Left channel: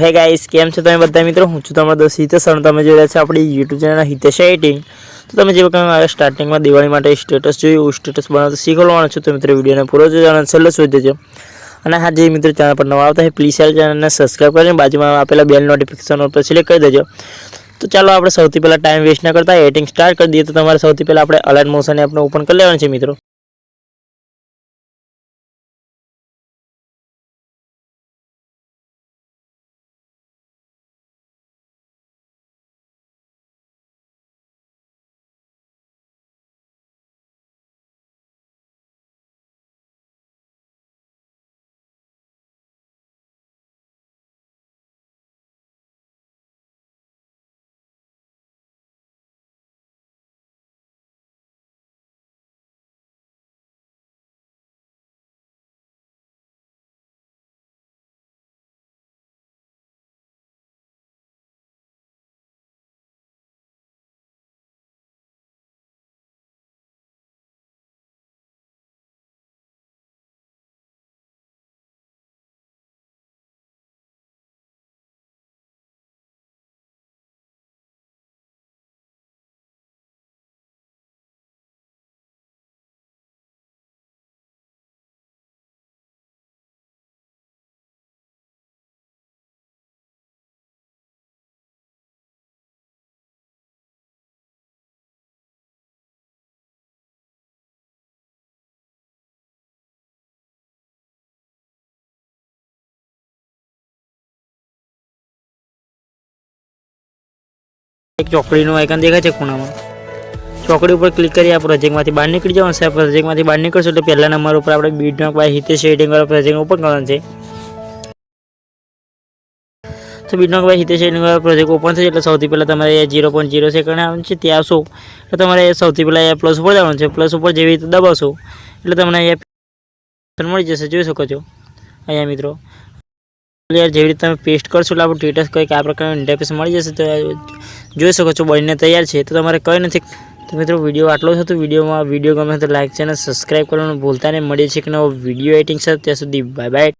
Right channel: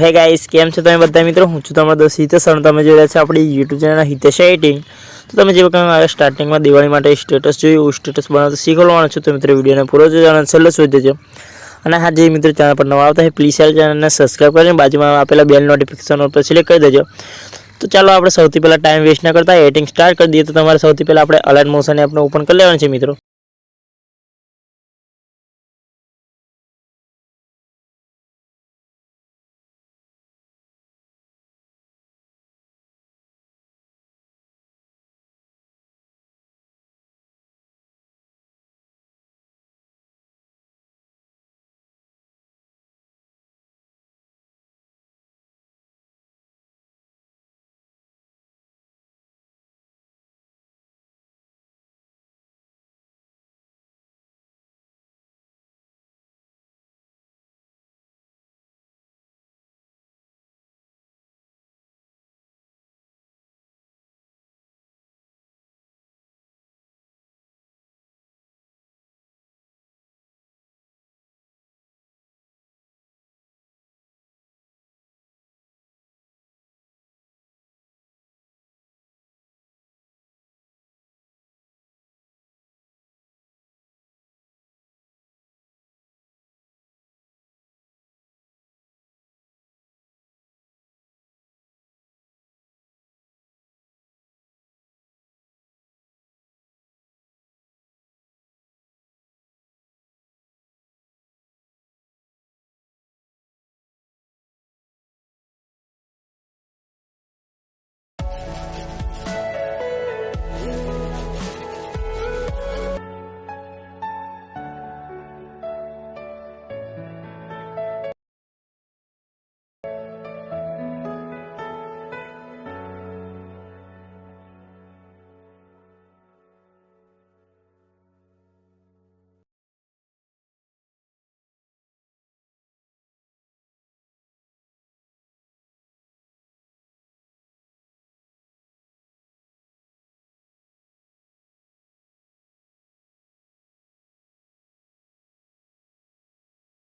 હે ગાઈસ, કેમ છો તમે બધા મિત્રો? હું છું તમારો દોસ્ત હિતેશ અને તમે જોઈ રહ્યા છો આપણી યુટ્યુબ ચેનલ હિતેશ એડિટિંગ. તો તમે જે વખતે મારા સ્ટાર્ટિંગમાં દિવાળી માટે સ્ટેટસ જોયું, સ્ટેટસ બનાવતા શીખવાડવાનું છું. તો મિત્રો વિડીયોને પૂરો જોજો અને છેલ્લે સુધી દેજો. અને હા, જે મિત્રો ચેનલ પર નવા આવતા હોય પ્લીઝ ચેનલને સબસ્ક્રાઈબ કરીને બાજુમાં આપેલા બેલ નોટિફિકેશન ઉપર સિલેક્ટ કરી દેજો. તો ચાલો આપણે સૌથી પહેલાં ટાઈમ વેસ્ટ ન કરતા એડિટિંગ સ્ટાર્ટ કરી દઈએ. તો તમારે સૌથી પહેલાં આપણે અલાઇટ મોશન એપને ઓપન કરી લેવાનું છે મિત્રો. એક ચોકડીનું આઇકન દેખાય છે ખૂણામાં, ચોકડી ઉપર ક્લિક કરી આ પ્રોજેક્ટમાંથી બહાર નીકળી જવાનું છે. આ પ્રોજેક્ટમાંથી બહાર નીકળશું એટલે પહેલા નંબર ઉપર આપણે બીટનોક બાય હિતેશ એડિટિંગ વાળા પ્રોજેક્ટ ઓપન કરવાનું છે. તો બીટનોક બાય હિતેશ એડિટિંગ વાળા પ્રોજેક્ટ ઓપન થશે એટલે સૌથી પહેલાં તમારે 0.0 સેકન્ડ આવવાનું છે. ત્યાં આવશો એટલે તમારે સૌથી પહેલાં પ્લસ ઉપર જવાનું છે. પ્લસ ઉપર જેવી રીતે દબાવશો એટલે તમને અહીંયા મળી જશે, જોઈ શકો છો અહીંયા મિત્રો. જેવી રીતે તમે પેસ્ટ કરશો એટલે આપણું સ્ટેટસ કંઈક આ પ્રકારનું ઇન્ટરફેસ મળી જશે. તો જોઈ શકો છો બનીને તૈયાર છે. તો તમારે કંઈ નથી. તો મિત્રો વિડીયો આટલો જ હતો. વિડીયો ગમે તો લાઈક ચેનલ સબસ્ક્રાઈબ કરવાનું ભૂલતા નહીં. મળીએ છીએ કે નવો વિડીયો એડિટિંગ સાથે. ત્યાં સુધી બાય બાય.